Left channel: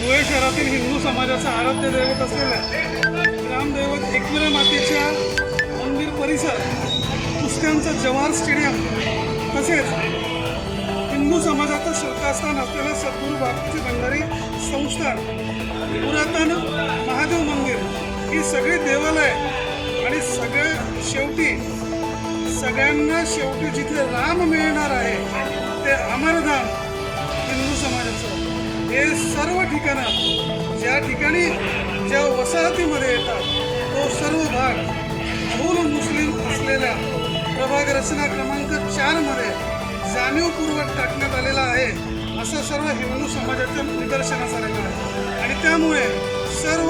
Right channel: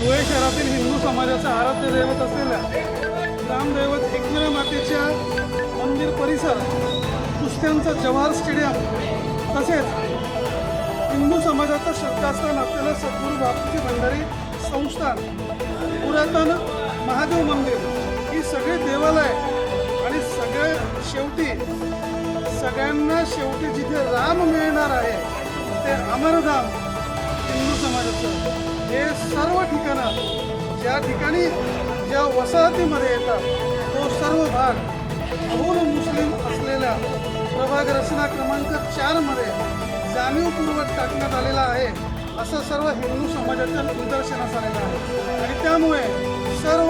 धुळे शहरातील हिंदू समाजाचा आराध्य दैवत असलेल्या ग्रामदैवत एकविरा मातेच्या मंदिर परिसर, कुस्त्यांचा जवाहर स्टेडियम तसेच हिंदू समाजाचं श्रद्धास्थान असलेलं सद्गुरू बापूजी भंडारी संस्थान, पुरातन महादेव मंदिर ही सगळी देवालय आणि सगळ्यांना शेवटी जिथे राम मिळणार आहे ते अमरधाम हिंदू समाजाचं हे सर्व ठिकाणं ज्या ठिकाणी ज्या वसाहतीमध्ये येतात तो सर्व भाग बहुल मुस्लिम असलेल्या प्रभाग रचना क्रमांक 4 मध्ये जाणीवपूर्वक टाकण्यात आलेला आहे असं सर्व हिंदू समाजाच्या निदर्शनास आलेलं आहे। आणि त्यामुळे सर्व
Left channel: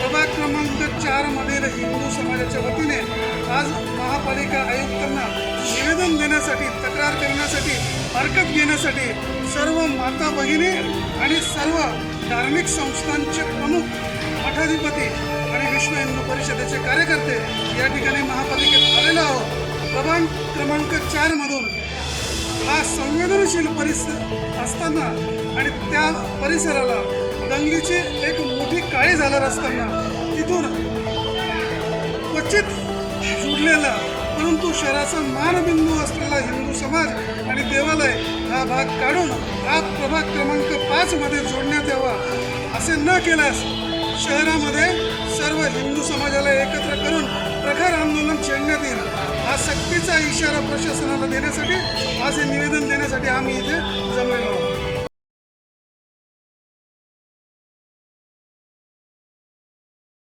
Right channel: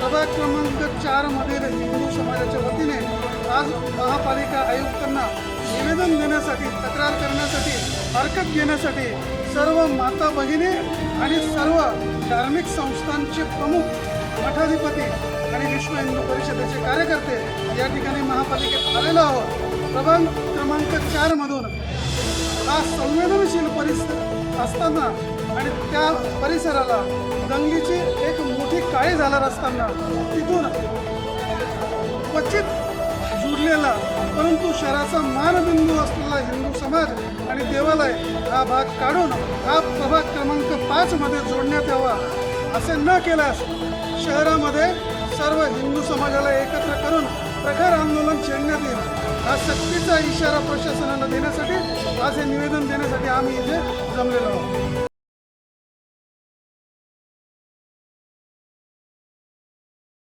प्रभाग क्रमांक 4 मधील हिंदू समाजाच्या वतीने आज महापालिका आयुक्तांना निवेदन देण्यासाठी, तक्रार करण्यासाठी, हरकत घेण्यासाठी सर्व माता भगिनी आणि सर्व धार्मिक संस्थांचे प्रमुख, मठाधिपती आणि विश्व हिंदू परिषदेचे कार्यकर्ते या ठिकाणी महापालिकेत आलेलो आहोत। प्रभाग क्रमांक 4 मधून हा संवेदनशील परिसर असताना आणि त्या परिसराला दंगलीची एक मोठी काळी झालर असताना तिथून क्वचित जुडलेला परंतु शहराचा मानबिंदू असलेला हिंदू समाज आणि देवालय हा भाग काढून हा प्रभाग क्रमांक 5 मध्ये जोडण्यात यावा। असे न केल्यास शहरामध्ये सर्व हिंदू समाजाला एकत्र करून प्रखर आंदोलन छेडण्यात येईल। हा सक्तीचा इशारा प्रशासनाला देण्यासाठी, आज हे निवेदन देण्यासाठी आम्ही इथे जमलेलो आहोत।